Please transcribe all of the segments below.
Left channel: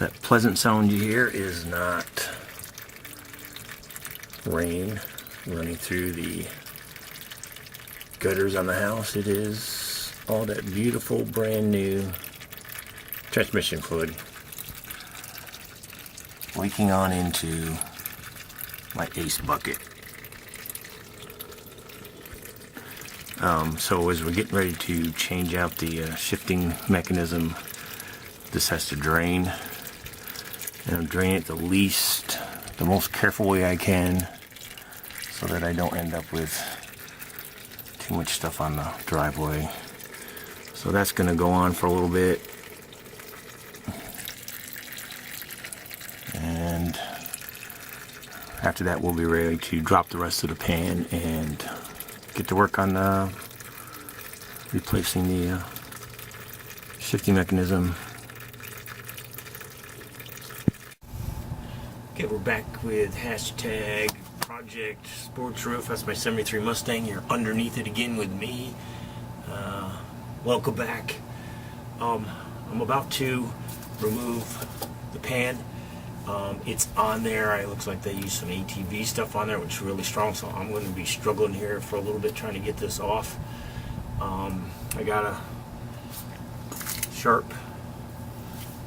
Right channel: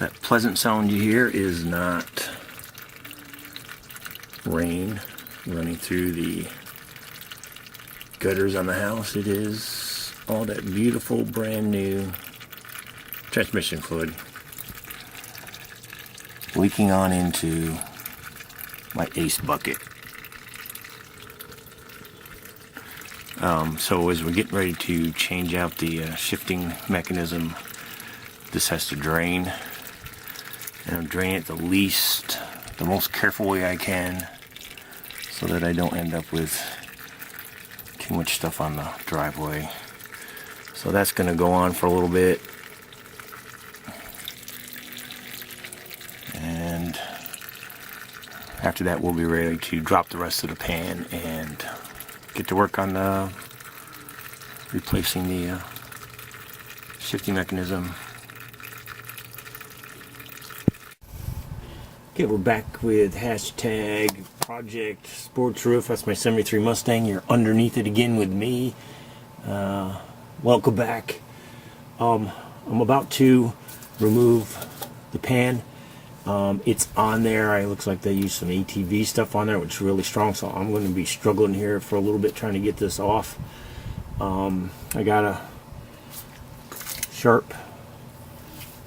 That pleasant sound you hear is not rain running through the gutters on the house. It is all that beautiful brand new transmission fluid leaking on into my Ace bucket. So as we're getting ready to change out the shifting mechanism, this has to drain, and I'm draining it the most careful way I can, so that I don't end up with too much stuff on the driveway. So that's going to go on for a little bit, and after that we'll be ready to drop the rest of the pan and get to work on replacing the shifting mechanism. Okay, we're back with hashtag Project Sports Roof. That's my 73 Mustang. You're underneath it again with me. Welcome back. I'm about to remove the pan. It's on there. It looks like they used some ATV stuff on there, which is really strong, so I'm going to be struggling here for a little bit trying to get this off. I got a sharp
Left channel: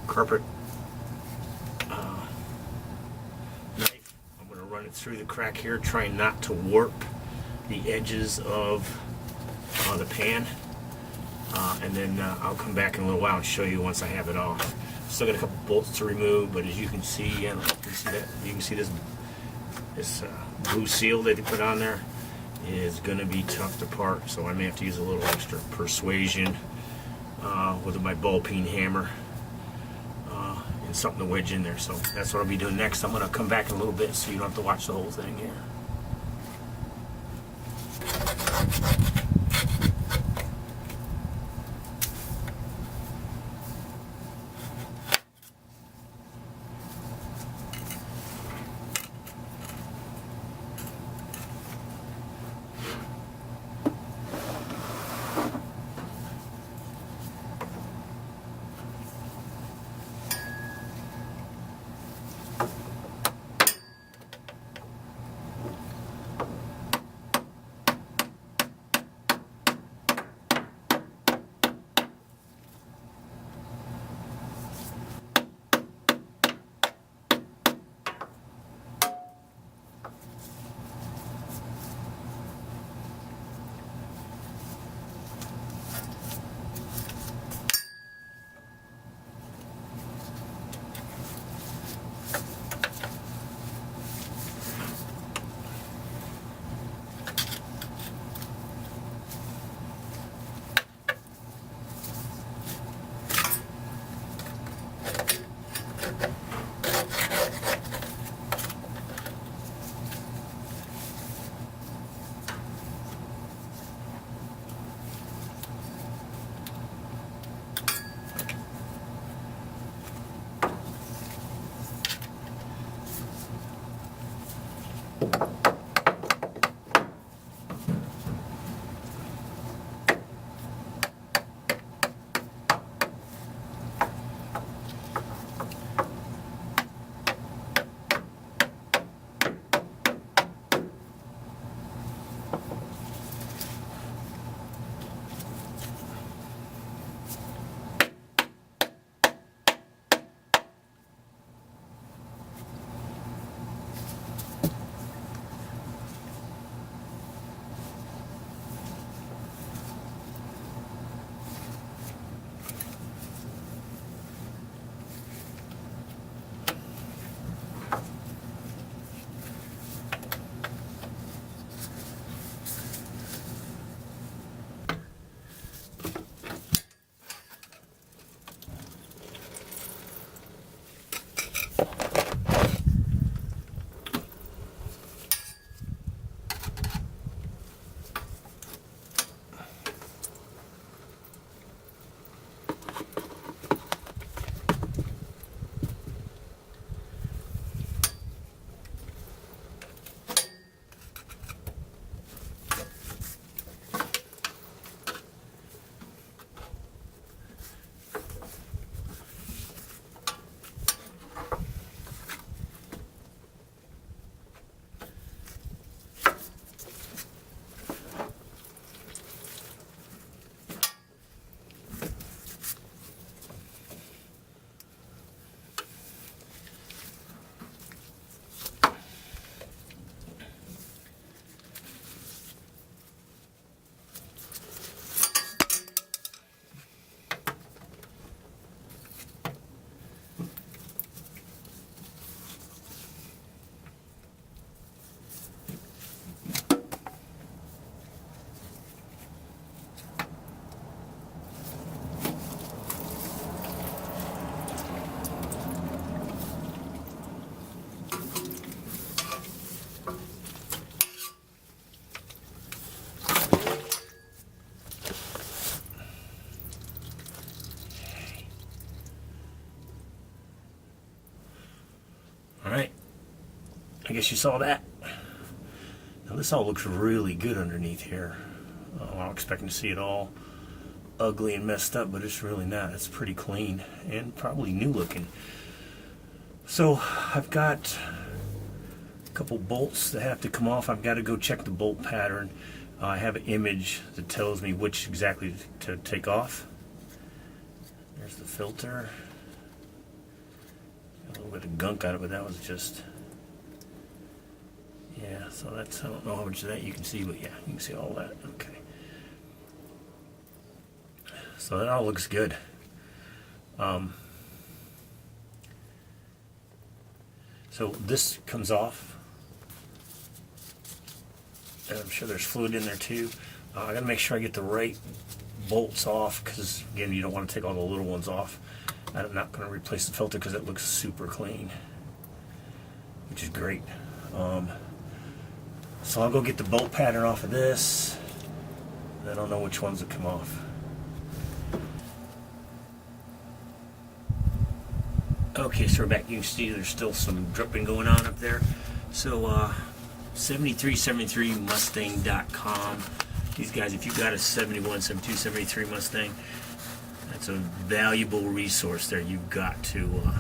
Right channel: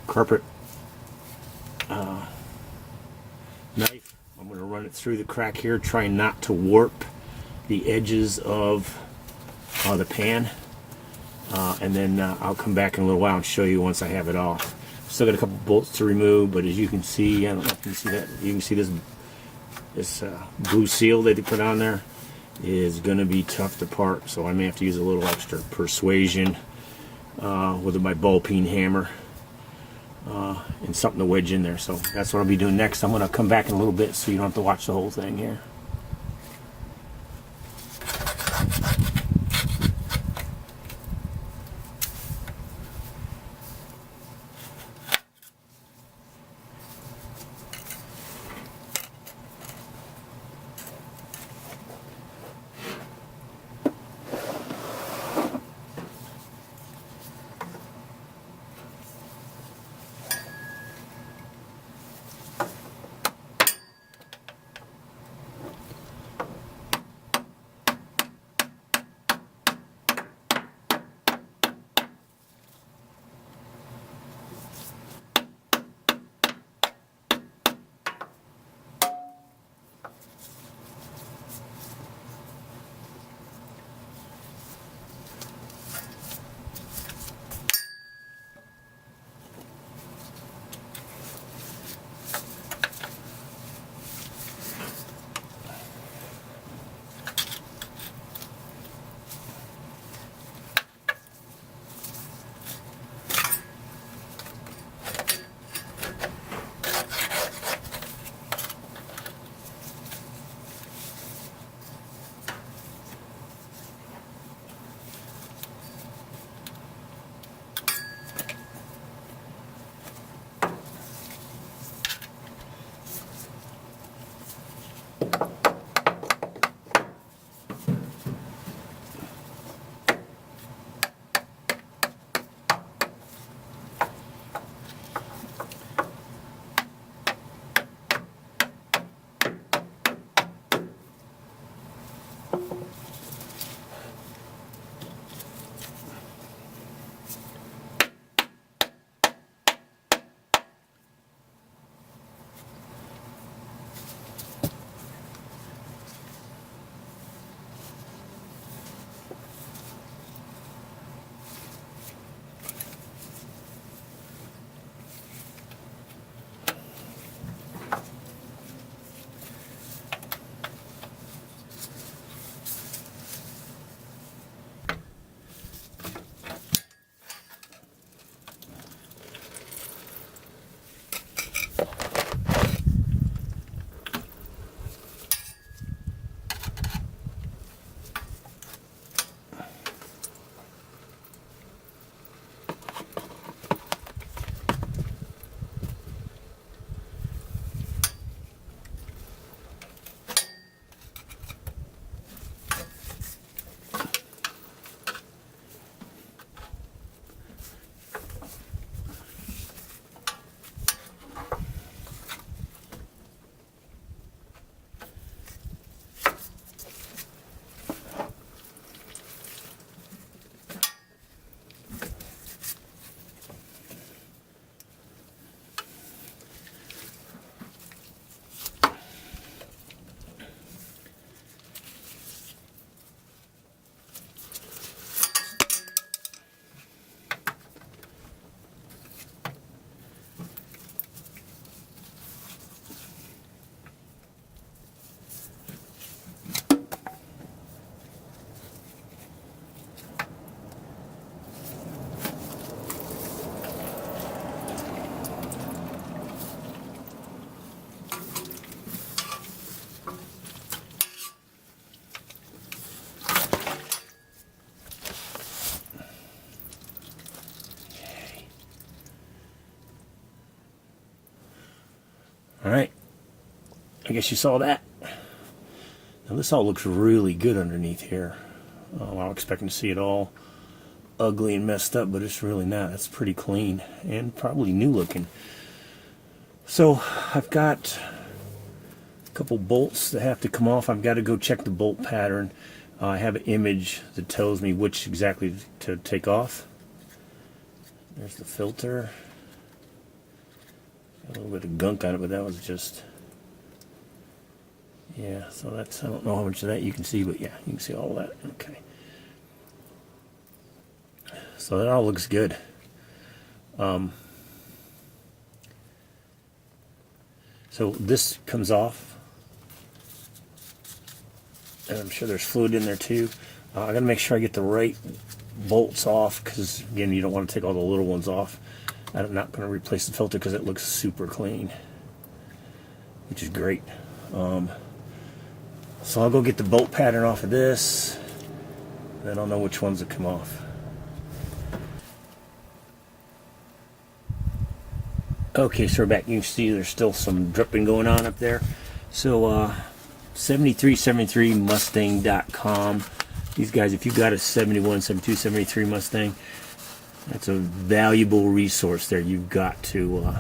carpet knife. I'm going to run it through the crack here, trying not to warp the edges of the pan, and then I'll come back in a little while and show you once I have it off. Still got a couple bolts to remove, but as you can see, I don't know if you can see that. You can see this blue seal that they put on there is going to be tough to part, so I may have to use a little extra persuasion with my ball peen hammer and something to wedge in there. So that's what I'll be doing next. I'm going to come back in a little bit so you don't have to watch the whole thing here. guess you saw that. Now this all looks really good underneath here. I'm expecting to see it all ugly and messed up, but it's really not. It's pretty clean and probably new looking. So I've got a couple bolts that have to come off. I've got to go check the bolt pattern. I have an image that tells me which exactly to take off. There's the filter. Got a little bit of gunk on it, but that was just, yeah, so that's, I don't know how much of that you can see, but yeah, you can see all that. Okay. So that all looks good. So this comes off, and I'm sure there's fluid in there too. I gotta make sure I get the right bolts off, because again, you don't want to take all the little ones off. I'm not going to replace the filter because it looks super clean, which is great. So I'll go get the bolt pattern off of this, then I'll know which ones will come off. Okay, so we're back. You can see there's still some dripping going on up there. So 7373mustang.com. These guys, if you've got a 71, 72, 73 Mustang, that's a valuable resource there. You've got to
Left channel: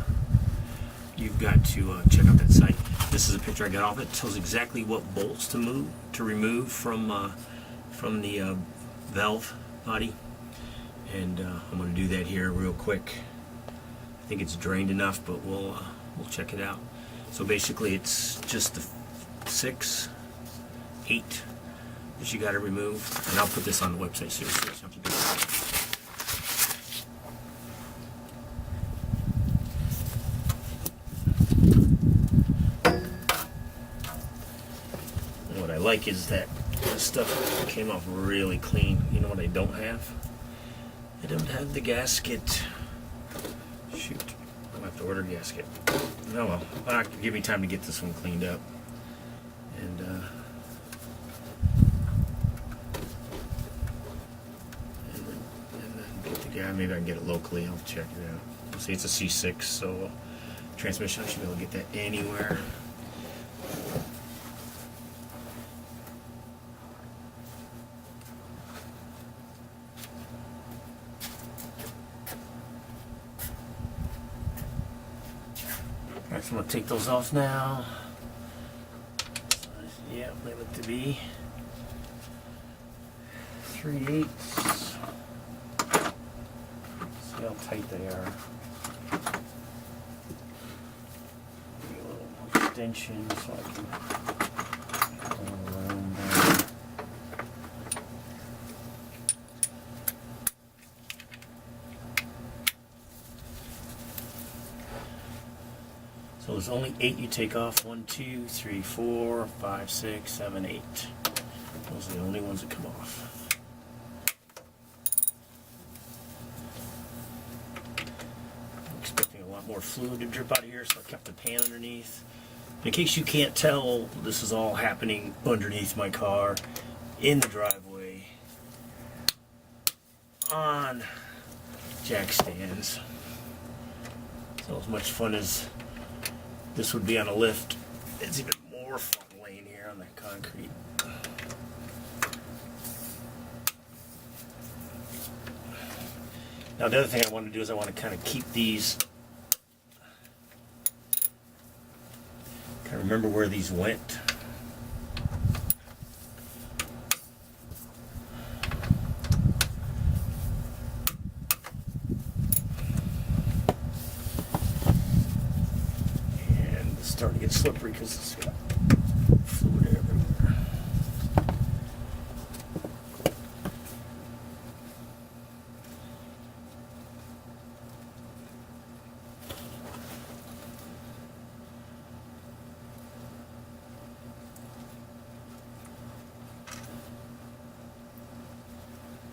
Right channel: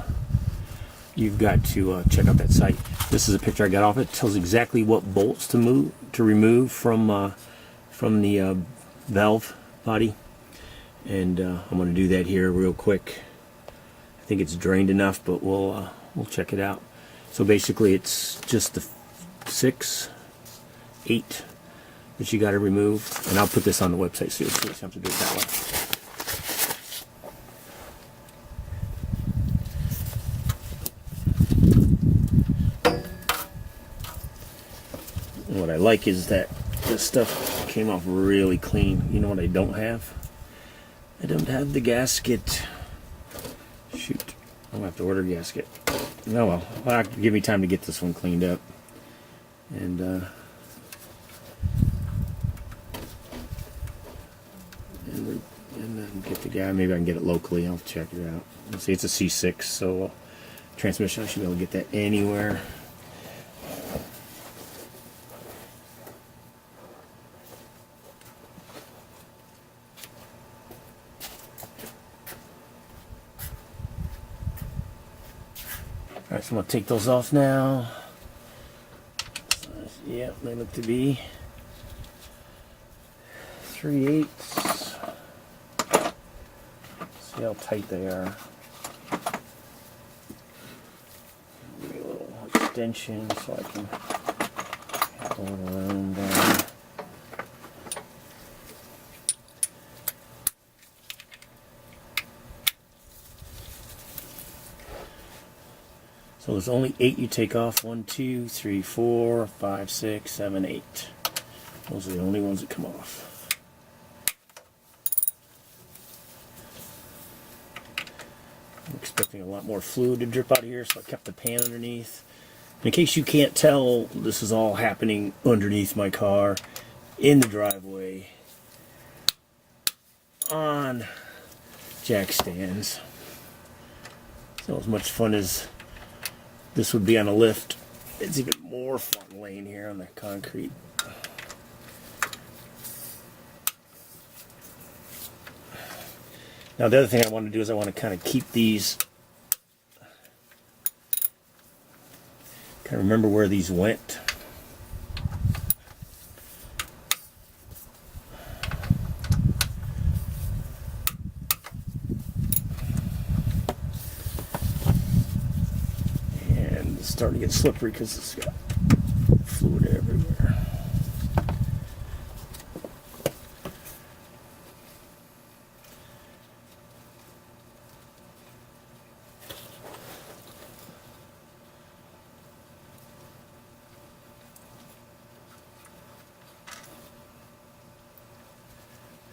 check out that site. This is a picture I got off it. It tells exactly what bolts to remove from the valve body, and I'm going to do that here real quick. I think it's drained enough, but we'll check it out. So basically, it's just the 6, 8 that you got to remove, and I'll put this on the website so you have to do it that way. What I like is that this stuff came off really clean. You know what I don't have? I don't have the gasket. Shoot, I'm gonna have to order a gasket. Oh well, give me time to get this one cleaned up, and then get the guy. Maybe I can get it locally. I'll check it out. See, it's a C6, so transmission, I should be able to get that anywhere. Alright, so I'm going to take those off now. Yeah, they look to be 3/8. See how tight they are. A little extension so I can pull it around. So there's only 8 you take off. 1, 2, 3, 4, 5, 6, 7, 8. Those are the only ones that come off. I'm expecting a lot more fluid to drip out of here, so I kept the pan underneath. In case you can't tell, this is all happening underneath my car, in the driveway, on jack stands. So as much fun as this would be on a lift, it's even more fun laying here on the concrete. Now the other thing I want to do is I want to kind of keep these, kind of remember where these went. Starting to get slippery because it's got fluid everywhere.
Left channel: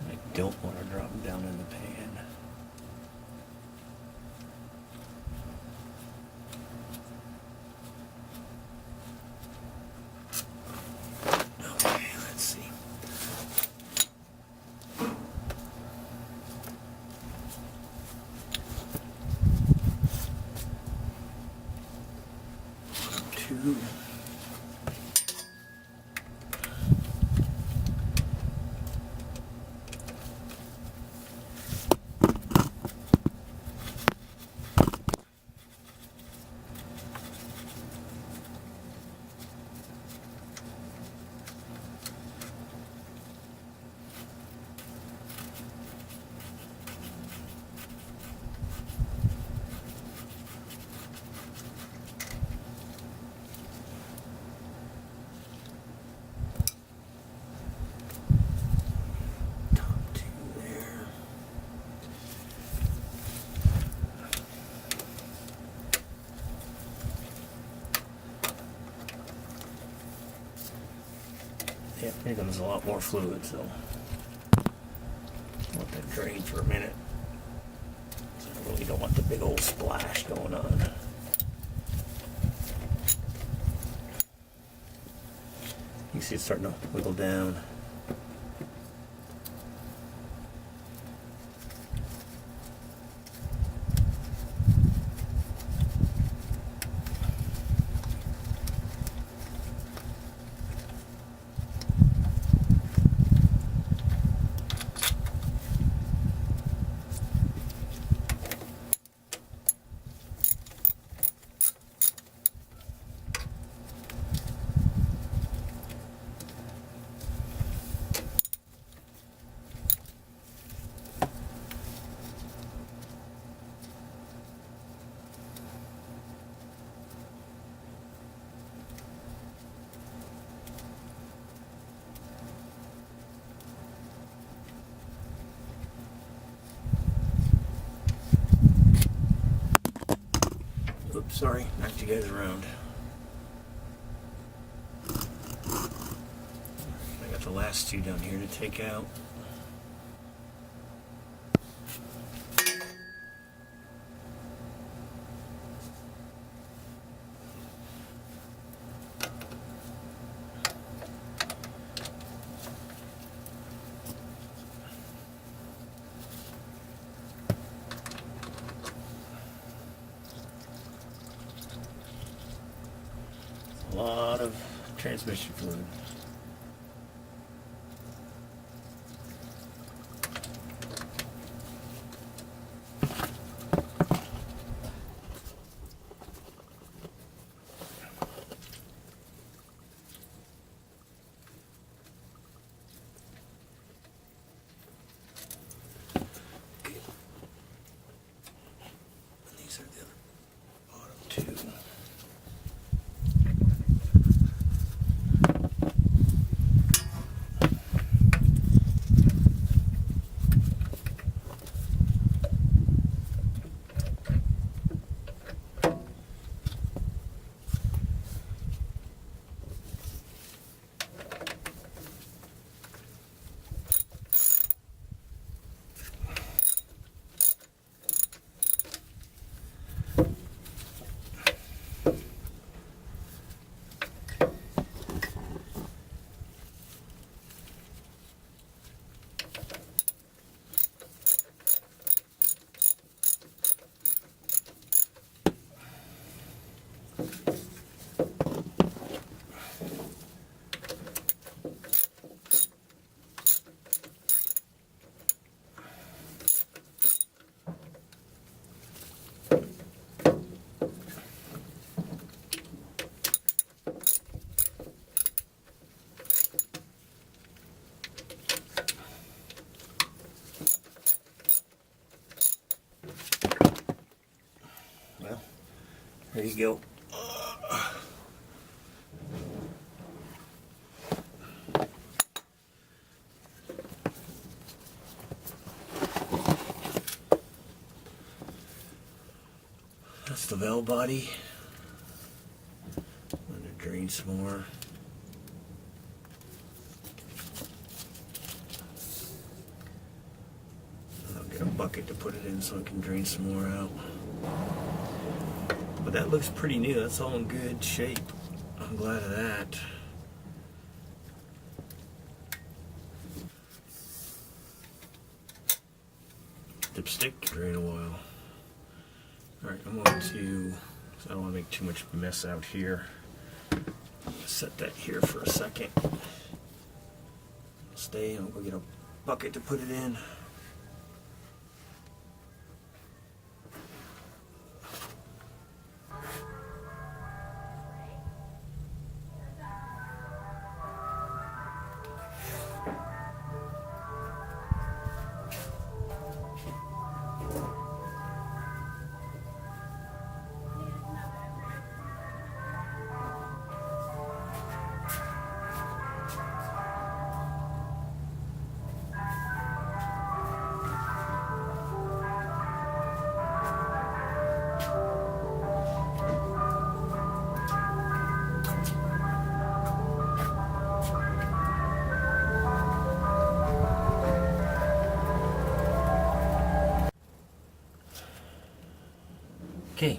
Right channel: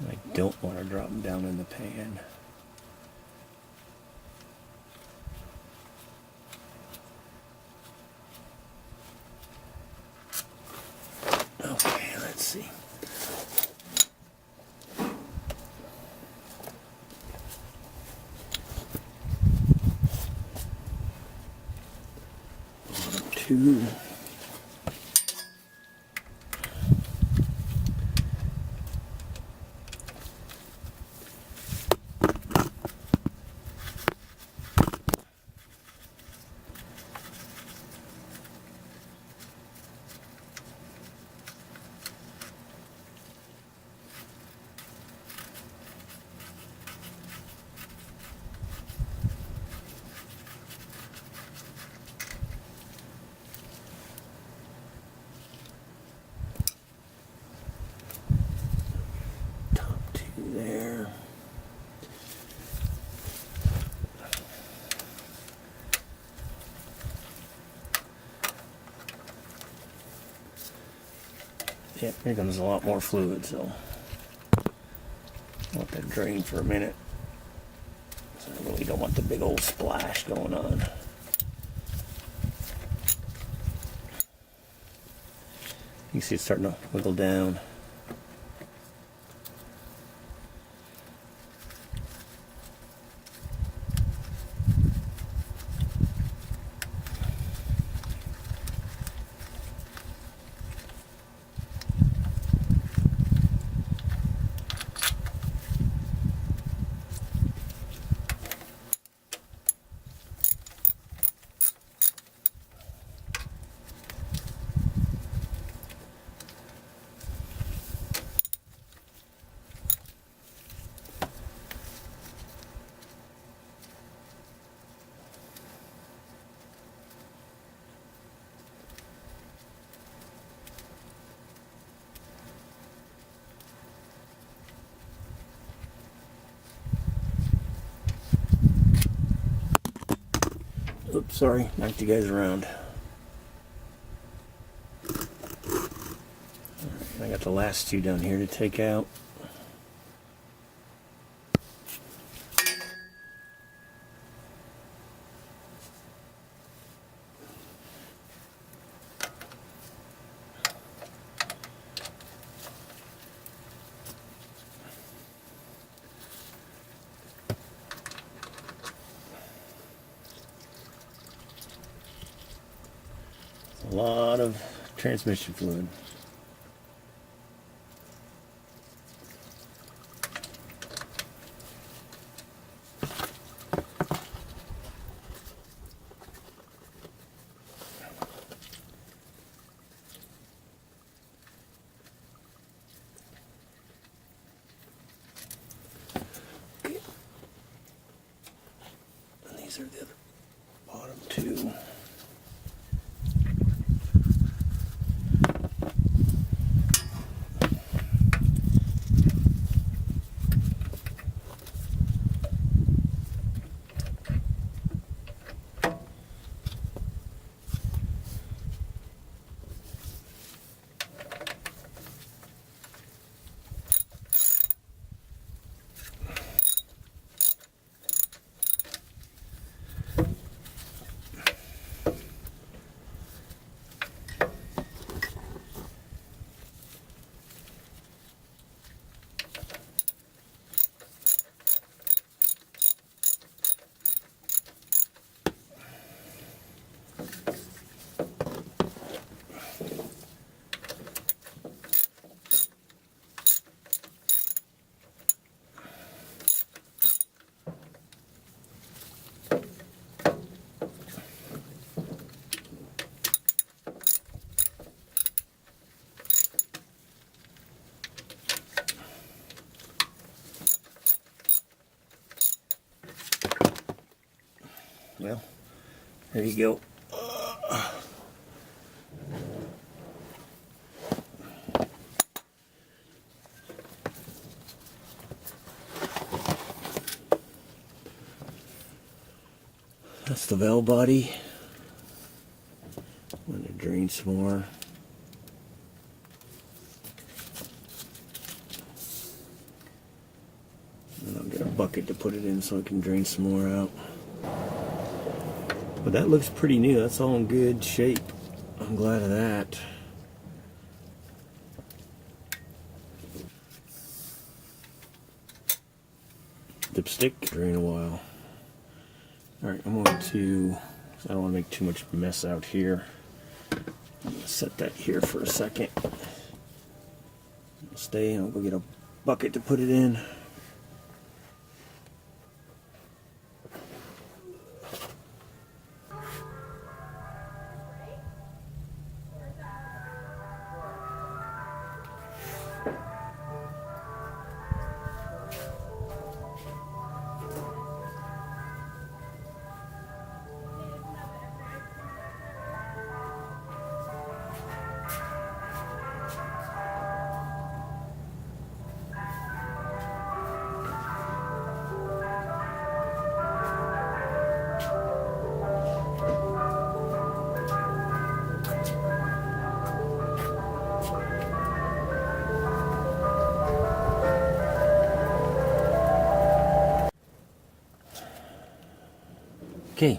I don't want to drop them down in the pan. Two. Yep, here comes a lot more fluid, so let that drain for a minute. So I really don't want the big old splash going on. You can see it's starting to wiggle down. Oops, sorry, knocked you guys around. I got the last two down here to take out. A lot of transmission fluid. Okay. And these are the other bottom two. Well, there you go. That's the valve body. I'm going to drain some more. And I'll get a bucket to put it in so I can drain some more out. But that looks pretty new. That's all in good shape. I'm glad of that. Dipstick, drain a while. Alright, I'm going to, I don't want to make too much mess out here. I'm going to set that here for a second. Stay, and I'll go get a bucket to put it in. Okay,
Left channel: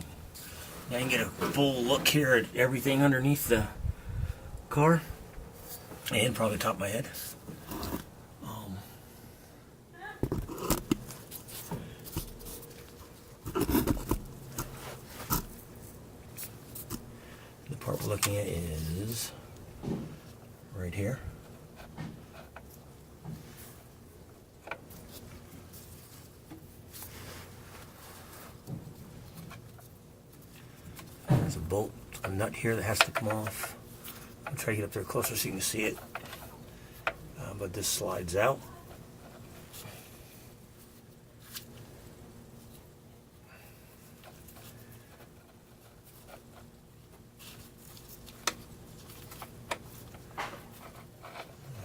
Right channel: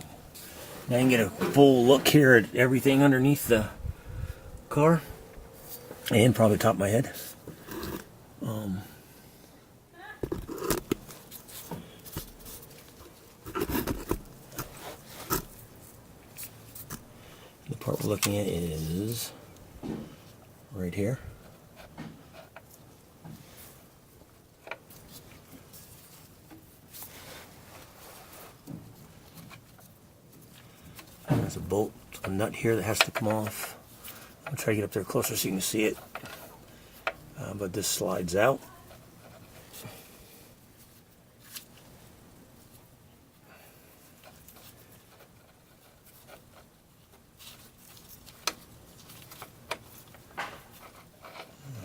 now you can get a full look here at everything underneath the car, and probably top of my head. The part we're looking at is right here. There's a bolt, a nut here that has to come off. I'll try to get up there closer so you can see it. But this slides out.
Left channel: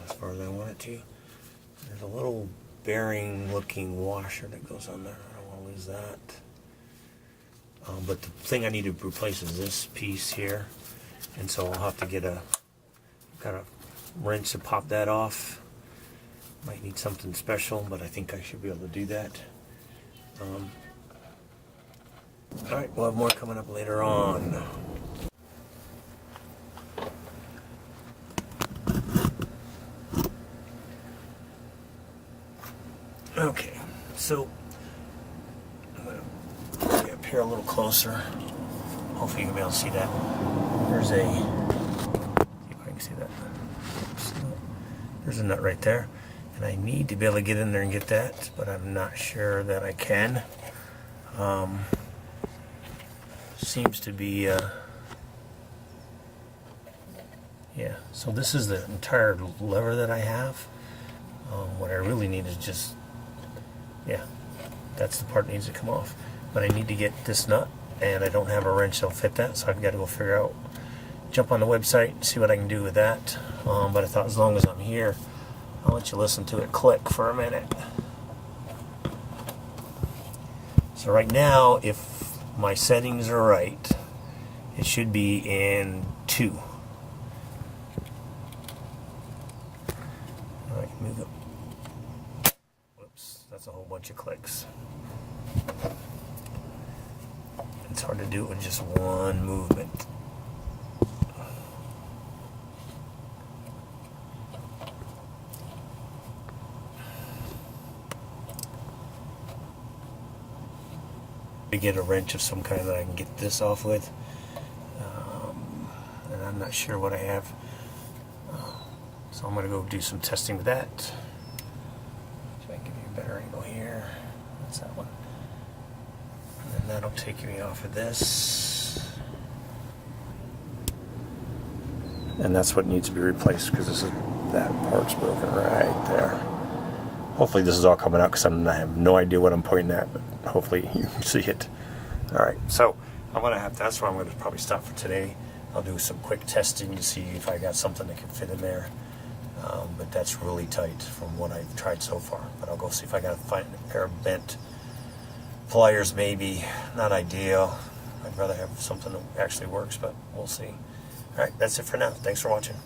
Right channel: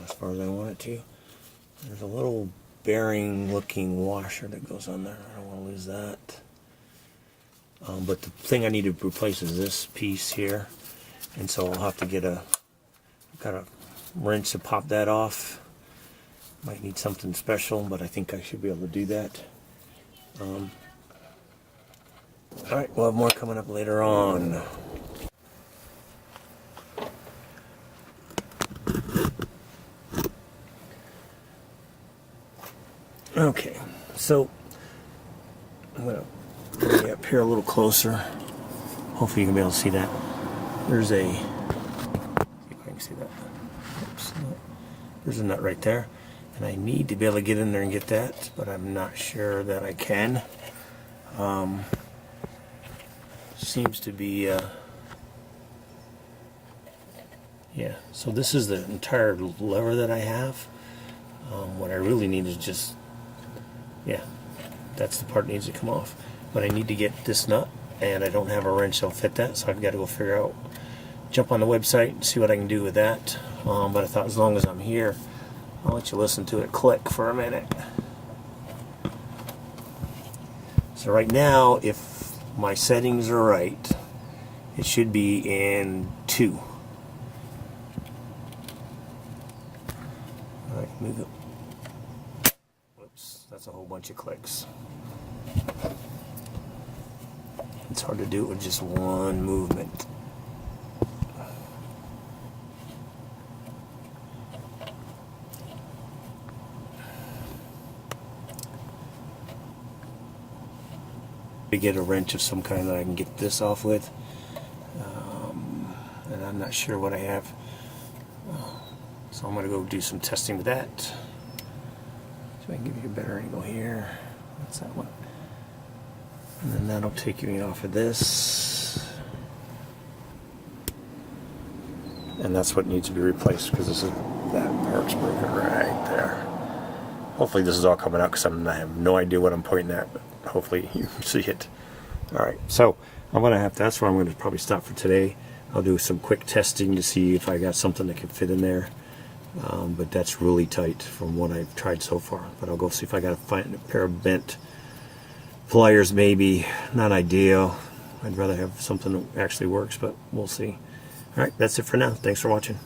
As far as I want it to. There's a little bearing looking washer that goes on there. I don't want to lose that. But the thing I need to replace is this piece here. And so I'll have to get a kind of wrench to pop that off. Might need something special, but I think I should be able to do that. Alright, we'll have more coming up later on. Okay, so I'm going to bring you up here a little closer. Hopefully you can be able to see that. There's a, see if I can see that. Oops. There's a nut right there. And I need to be able to get in there and get that, but I'm not sure that I can. Seems to be, yeah, so this is the entire lever that I have. What I really need is just, yeah, that's the part that needs to come off. But I need to get this nut, and I don't have a wrench that'll fit that, so I've got to go figure out, jump on the website and see what I can do with that. But I thought as long as I'm here, I'll let you listen to it click for a minute. So right now, if my settings are right, it should be in 2. Alright, move it. Whoops, that's a whole bunch of clicks. It's hard to do it with just one movement. To get a wrench of some kind that I can get this off with, and I'm not sure what I have, so I'm going to go do some testing with that. So I can give you a better angle here. That's that one, and then that'll take me off of this, and that's what needs to be replaced because this is, that part's broken right there. Hopefully this is all coming out because I have no idea what I'm pointing at, but hopefully you can see it. Alright, so I'm going to have, that's where I'm going to probably stop for today. I'll do some quick testing to see if I got something that can fit in there. But that's really tight from what I've tried so far. But I'll go see if I got to find a pair of bent pliers maybe. Not ideal. I'd rather have something that actually works, but we'll see. Alright, that's it for now. Thanks for watching.